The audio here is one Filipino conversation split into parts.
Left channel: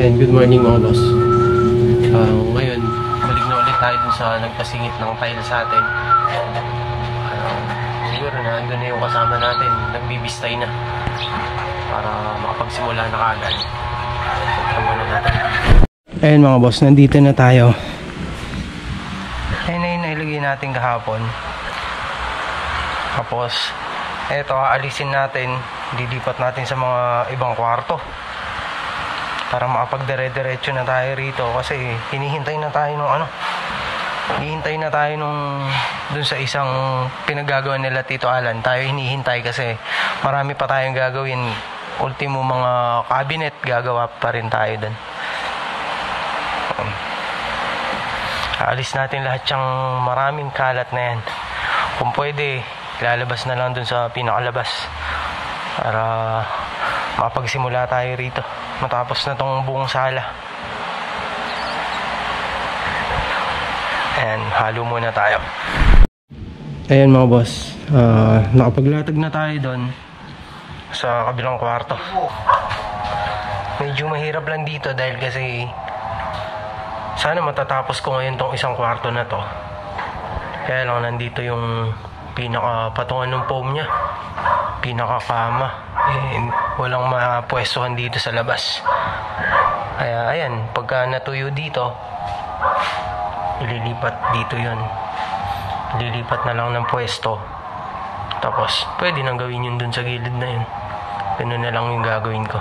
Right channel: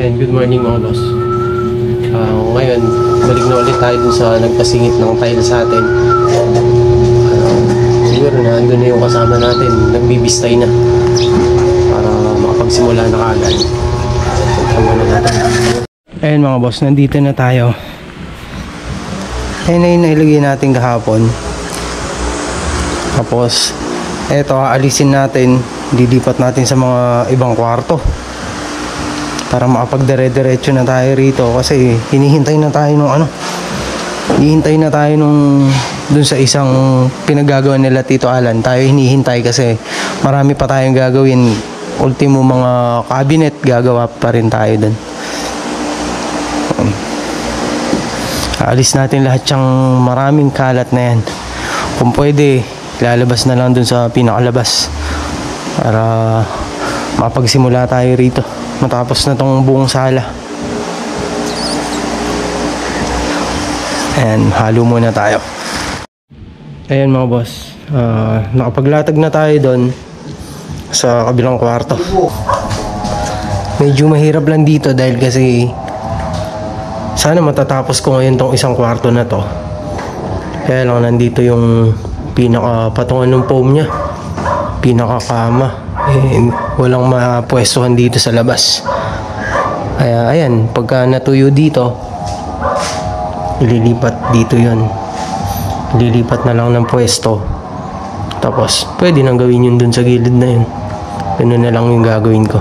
And good morning mga boss. Ngayon, balik na ulit tayo dun sa nagpasingit ng tile sa atin. Siguro na andun na yung kasama natin, nagbibistay na para makapagsimula na kaagad. Tama na natin. Ayun mga boss, nandito na tayo. Ayun na yung nailagay natin kahapon. Tapos eto, aalisin natin, dilipat natin sa mga ibang kwarto para makapagdire-diretso na tayo rito kasi hinihintay na tayo nung hihintay na tayo nung dun sa isang pinagagawa nila Tito Alan. Tayo hinihintay kasi marami pa tayong gagawin. Ultimo mga cabinet gagawa pa rin tayo dun. Aalis natin lahat yung maraming kalat na yan. Kung pwede, lalabas na lang dun sa pinakalabas para mapagsimula tayo rito matapos na tong buong sala. Ayan, halo muna tayo. Ayan mga boss, nakapaglatag na tayo doon sa kabilang kwarto. Medyo mahirap lang dito dahil kasi sana matatapos ko ngayon tong isang kwarto na to. Kaya lang nandito yung pinaka-patungan ng foam nya, pinaka-kama. Walang mapwestuhan dito sa labas. Kaya ayan, pagka natuyo dito, ililipat dito yon. Lilipat na lang ng pwesto. Tapos pwede nang gawin yun dun sa gilid na yun. Ganun na lang yung gagawin ko.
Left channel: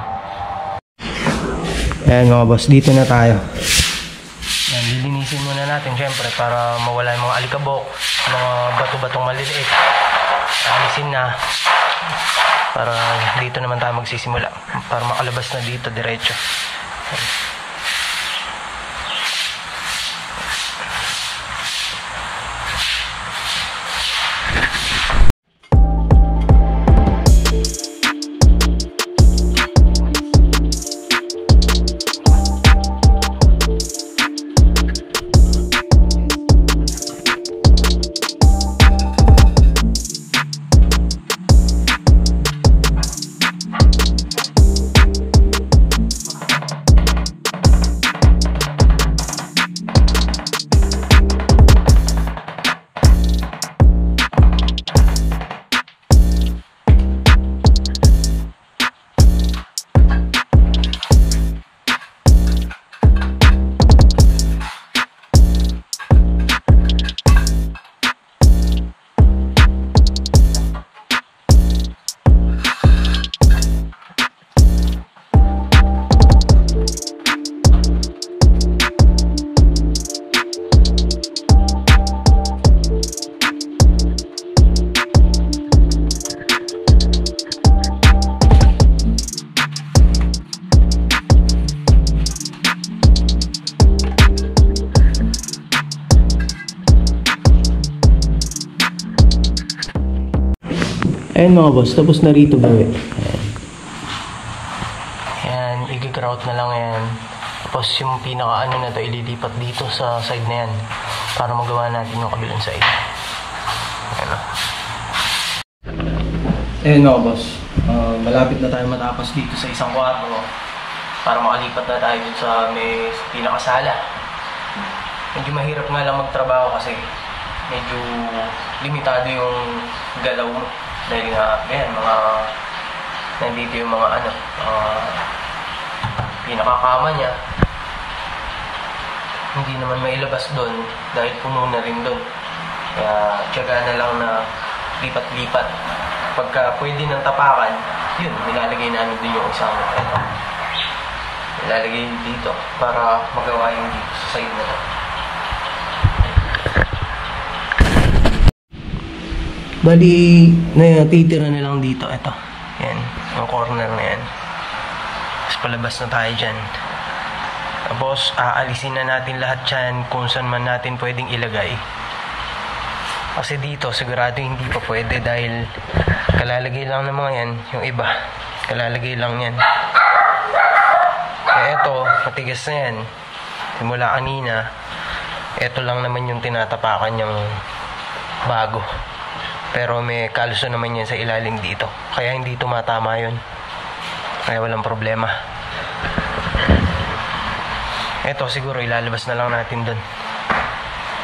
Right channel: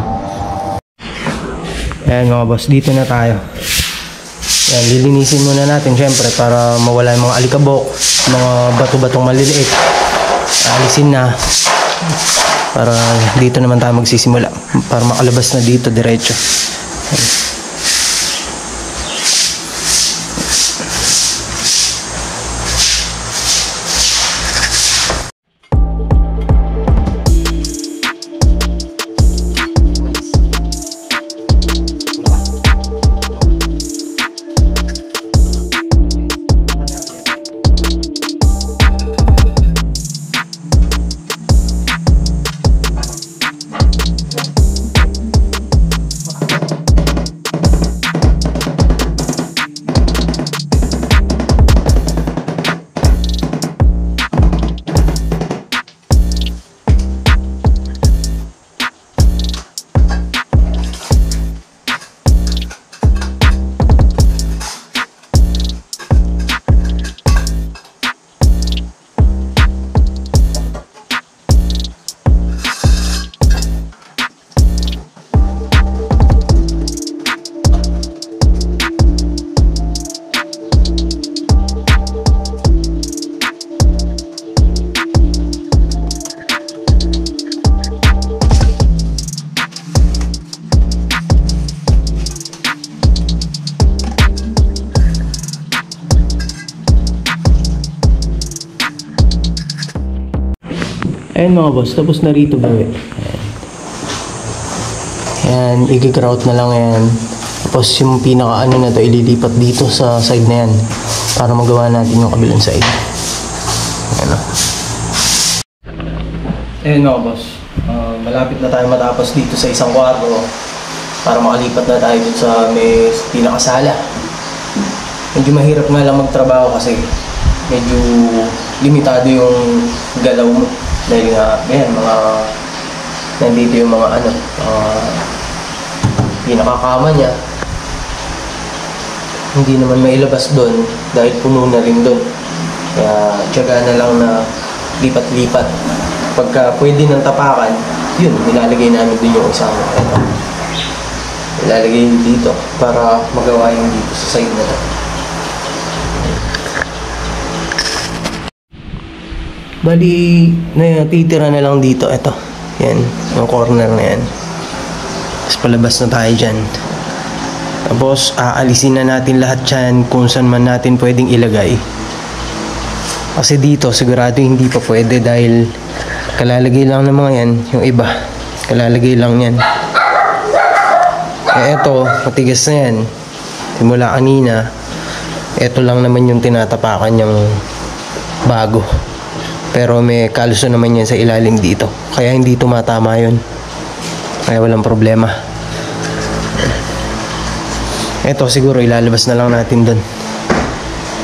Ayan mga boss, dito na tayo. Ayan, lilinisin muna natin syempre para mawala yung mga alikabok, mga bato-batong maliliit. Alisin na para dito naman tayo magsisimula para makalabas na dito diretso. Ayan mga boss, tapos na rito gawin. Ayan, i-grout na lang yan. Tapos yung pinaka na to, ililipat dito sa side na yan para magawa natin yung kabilang side. Ayan o. Ayan mga boss, malapit na tayo matapos dito sa isang kwarto para makalipat na tayo dito sa may pinakasala. Medyo mahirap nga lang magtrabaho kasi medyo limitado yung galaw mo. Dahil nga, ayan, nandito yung mga pinakakama niya. Hindi naman mailabas doon dahil puno na rin doon. Kaya tiyaga na lang na lipat-lipat. Pagka pwede ng tapakan, yun, nilalagay namin doon yung isang ilalagay dito para magawa yung dito sa side na to. Bali, titira na lang dito. Ito, yan, yung corner na yan. Tapos palabas na tayo dyan. Tapos aalisin na natin lahat dyan kung saan man natin pwedeng ilagay. Kasi dito sigurado hindi pa pwede dahil kalalagay lang ng mga yan. Yung iba, kalalagay lang yan. Eto, matigas na yan. Simula kanina, eto lang naman yung tinatapakan yung bago. Pero may kaluso naman yan sa ilalim dito. Kaya hindi tumatama yun. Kaya walang problema. Ito siguro ilalabas na lang natin dun.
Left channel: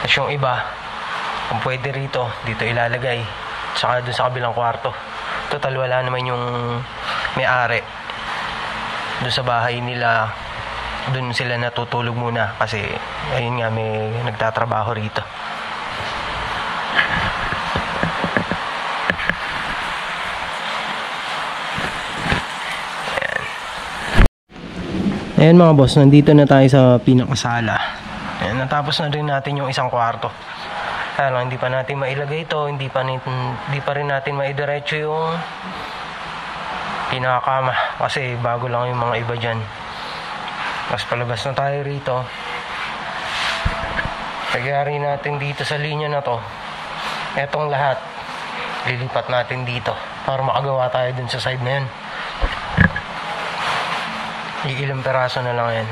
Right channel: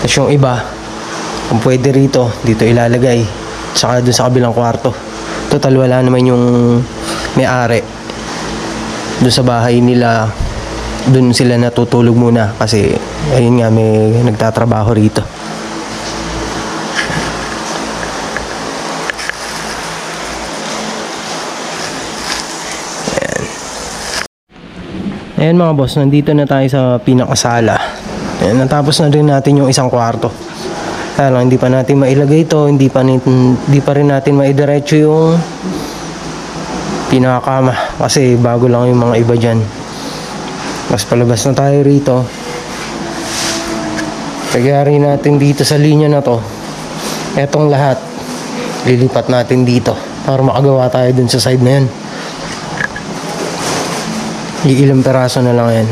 Tapos yung iba, kung pwede rito, dito ilalagay. Saka dun sa kabilang kwarto. Total wala naman yung may-ari. Dun sa bahay nila, dun sila natutulog muna. Kasi ayun nga, may nagtatrabaho rito. Ayan mga boss, nandito na tayo sa pinakasala. Ayan, natapos na rin natin yung isang kwarto. Kaya lang, hindi pa natin mailagay ito, hindi pa rin natin maidiretso yung pinakakama. Kasi bago lang yung mga iba dyan. Mas palabas na tayo rito. Nagyari natin dito sa linya na to. Etong lahat, lilipat natin dito para makagawa tayo dun sa side na yan. Ilang peraso na lang yan.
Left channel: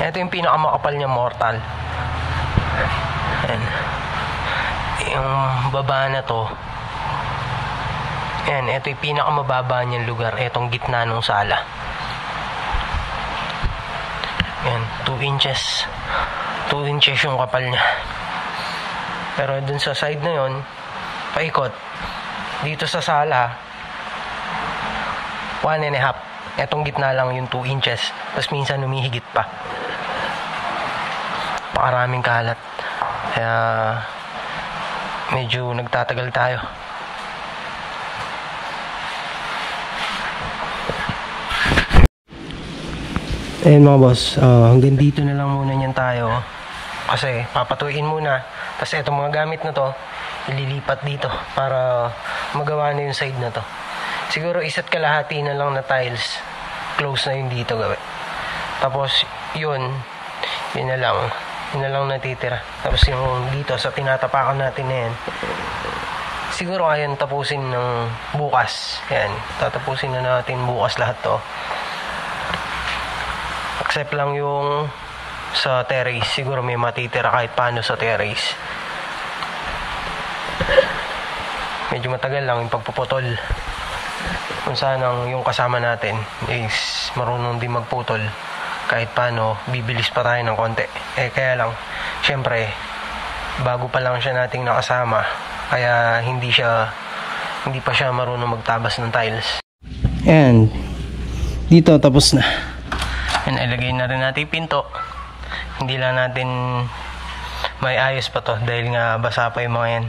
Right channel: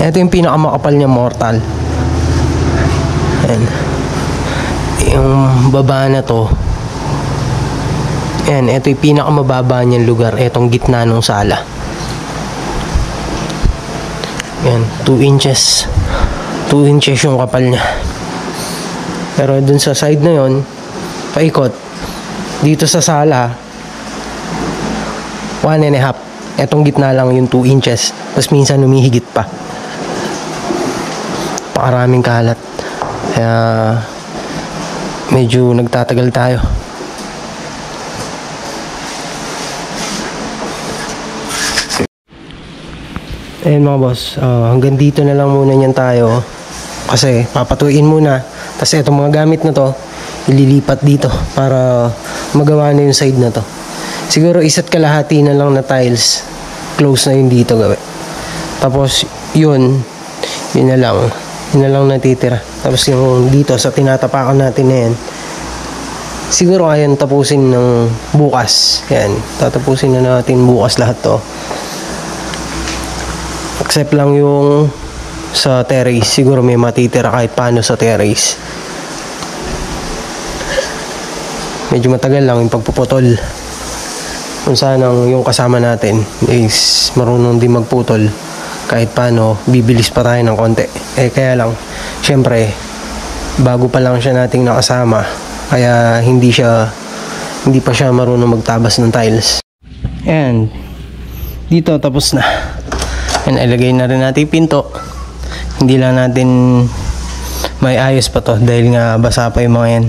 Ito yung pinakamakapal niya, mortal. Ayan. Yung baba na to. Ayan, ito yung pinakamababa niyang lugar. Etong gitna ng sala. Ayan, 2 inches. 2 inches yung kapal niya. Pero dun sa side na yon, paikot. Dito sa sala, 1.5. Etong gitna lang yung 2 inches. Tapos minsan humihigit pa. Pakaraming kalat. Kaya medyo nagtatagal tayo. Ayan mga boss, hanggang dito na lang muna niyan tayo. Kasi papatuin muna. Kasi itong mga gamit na to, ililipat dito para magawa na yung side na to. Siguro isa't kalahati na lang na tiles. Close na yun dito gawin. Tapos yun na lang. Yun na lang natitira. Tapos yung dito sa tinatapakan natin na yan, siguro ayan tapusin ng bukas. Yan, tatapusin na natin bukas lahat to. Except lang yung sa terrace. Siguro may matitira kahit paano sa terrace. Medyo matagal lang yung pagpuputol. Kung sanang yung kasama natin is marunong din magputol, kahit paano bibilis pa tayo ng konti. Kaya lang, syempre bago pa lang siya nating nakasama, kaya hindi pa siya marunong magtabas ng tiles. Ayan, dito tapos na. Yan, ilagay na rin natin yung pinto. Hindi lang natin may ayos pa to dahil nga basa pa yung mga yan.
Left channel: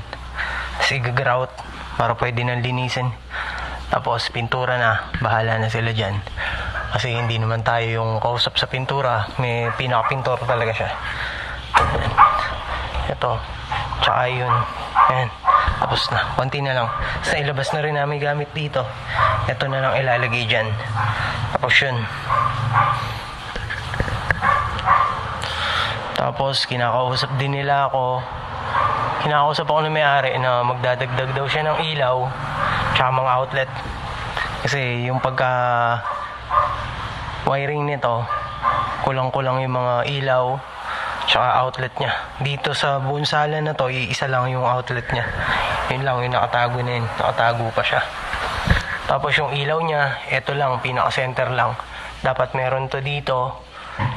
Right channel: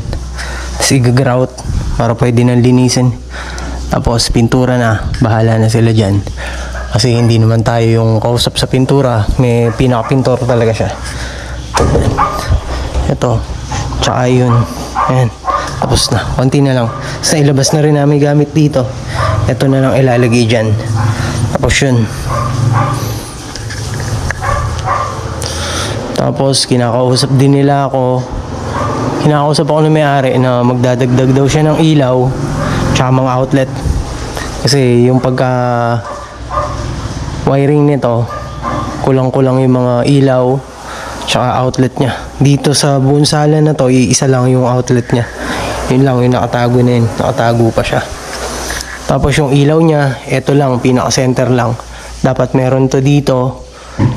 Tapos i-grout para pwede nang linisin. Tapos pintura na, bahala na sila dyan. Kasi hindi naman tayo yung kausap sa pintura. May pinaka-pintor talaga siya. Ito, tsaka yun. Ayan, tapos na, konti na lang. Sa ilabas na rin namin gamit dito. Ito na lang ilalagay dyan. Tapos yun. Tapos kinakausap din nila ako. Kinakausap ako ng may-ari na magdadagdag daw siya ng ilaw tsaka mga outlet. Kasi yung pagka wiring nito, kulang-kulang yung mga ilaw tsaka outlet niya. Dito sa buong sala na to, iisa lang yung outlet niya. Yun lang, yung nakatago na yun. Nakatago pa siya. Tapos yung ilaw niya, eto lang, pinaka-center lang. Dapat meron to dito,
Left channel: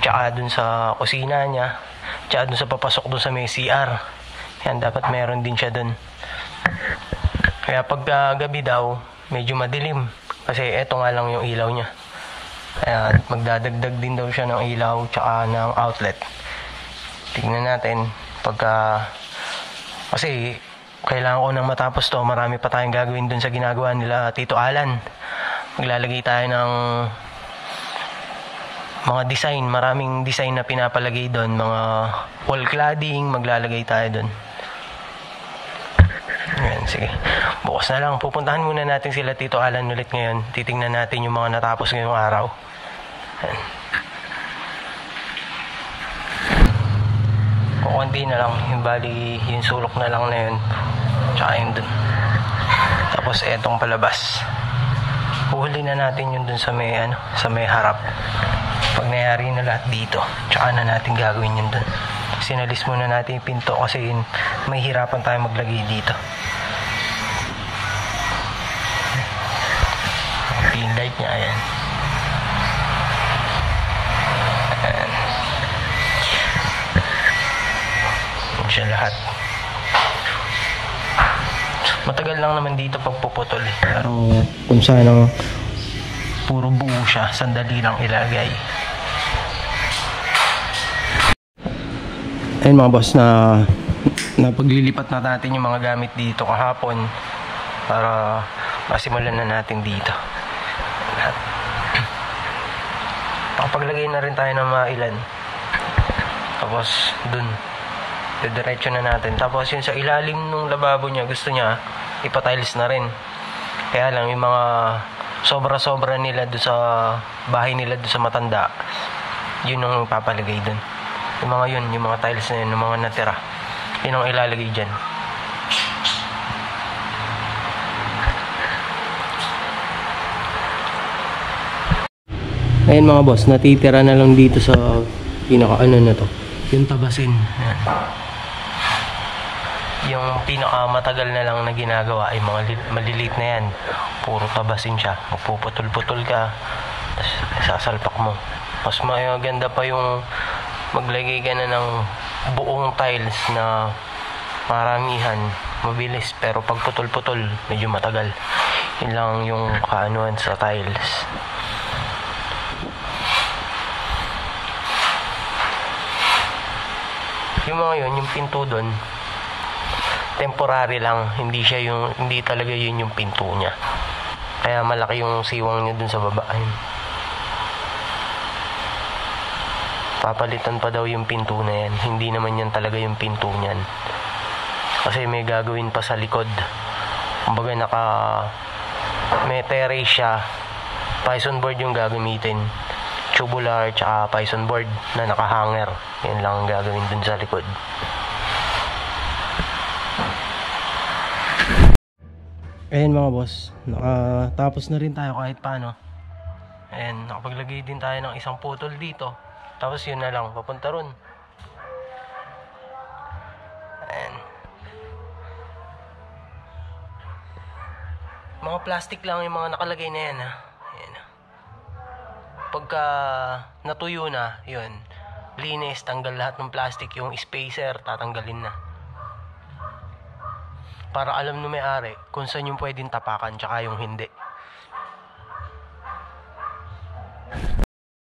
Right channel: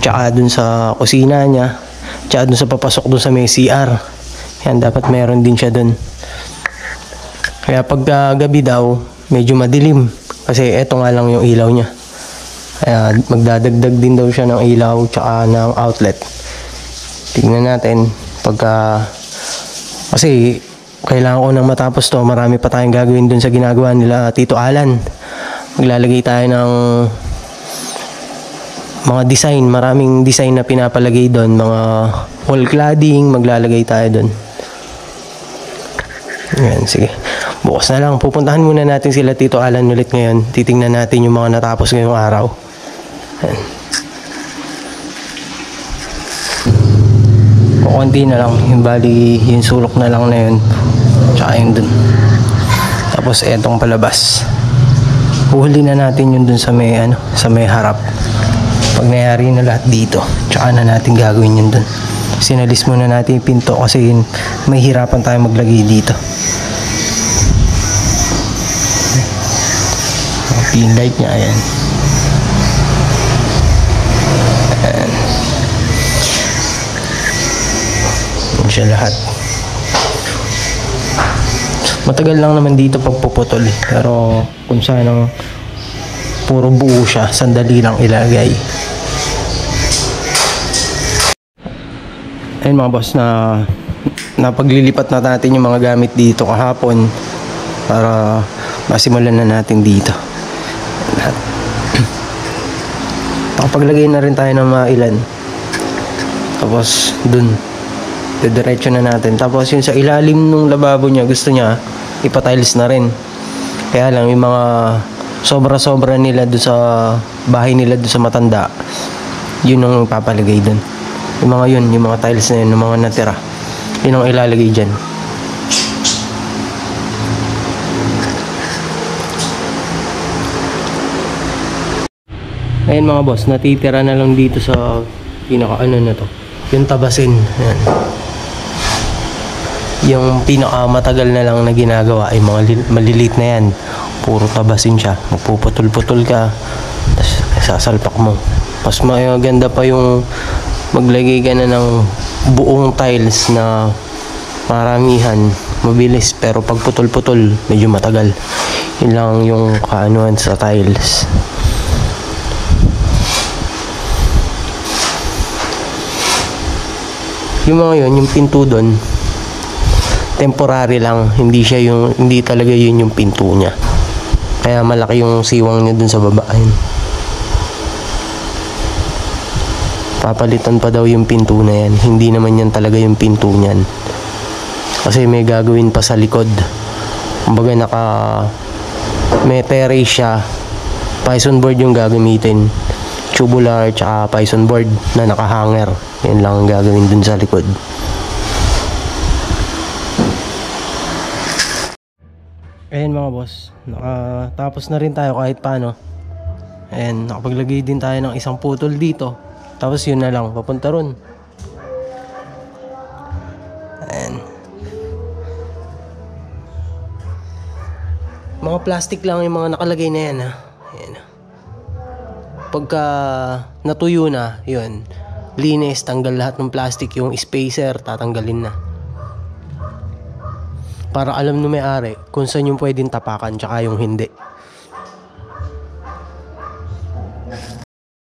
tsaka dun sa kusina niya, tsaka dun sa papasok dun sa may CR. Yan, dapat meron din siya dun. Kaya pag gabi daw, medyo madilim. Kasi eto nga lang yung ilaw niya. Kaya magdadagdag din daw siya ng ilaw tsaka ng outlet. Tingnan natin pagka... Kasi kailangan ko nang matapos to. Marami pa tayong gagawin dun sa ginagawa nila Tito Alan. Maglalagay tayo ng mga design. Maraming design na pinapalagay dun. Mga wall cladding, maglalagay tayo dun. Ayan, sige. Bukas na lang. Pupuntahan muna natin sila Tito Alan ulit ngayon. Titingnan natin yung mga natapos ngayong araw. Ayan. Konti na lang. Yung bali, yung sulok na lang na yun. Tsaka yun dun. Tapos etong palabas. Uhuli na natin yun dun sa may, sa may harap. Pag nangyari na lahat dito, tsaka na natin gagawin yun dun. Sinalis muna natin yung pinto kasi may hirapan tayo maglagay dito. Pin light niya, ayan. Ayan. Ayan siya lahat. Matagal lang naman dito pagpuputol pero kung saan puro buo siya, sandali lang ilagay. Ayun mga boss, na napaglilipat na natin yung mga gamit dito kahapon para masimulan na natin dito. Nakapaglagay na rin tayo ng mga ilan. Tapos dun diretso na natin. Tapos yung sa ilalim ng lababo niya, gusto niya ipa-tiles na rin. Kaya lang yung mga sobra-sobra nila doon sa bahay nila doon sa Matanda, yun ang papalagay doon. Yung mga yun, yung mga tiles na yun, yung mga natira, yun ang ilalagay dyan. Ayun mga boss, natitira na lang dito sa pinaka na to, yung tabasin. Ayan. Yung pinaka matagal na lang na ginagawa ay mga maliliit na yan, puro tabasin siya, magpuputol-putol ka, tapos sasalpak mo. Mas maganda pa yung maglagay ka na ng buong tiles na maramihan, mabilis, pero pag putol-putol medyo matagal. Yun lang yung kaanuhan sa tiles. Yung mga yun, yung pinto doon temporary lang, hindi talaga yun yung pinto niya, kaya malaki yung siwang niya dun sa baba. Ayun. Papalitan pa daw yung pinto na yan, hindi naman yan talaga yung pinto niyan kasi may gagawin pa sa likod. Kumbaga may terrace siya, Python board yung gagamitin, tubular tsaka Python board na nakahanger. Yan lang ang gagawin dun sa likod. Ayan mga boss, nakatapos na rin tayo kahit paano. Ayan, nakapaglagay din tayo ng isang putol dito. Tapos yun na lang, papunta ron. Ayan. Mga plastic lang yung mga nakalagay na yan ha. Ayan. Pagka natuyo na, yun, linis, tanggal lahat ng plastic, yung spacer tatanggalin na. Para alam ng may-ari kung saan yung pwedeng tapakan tsaka yung hindi.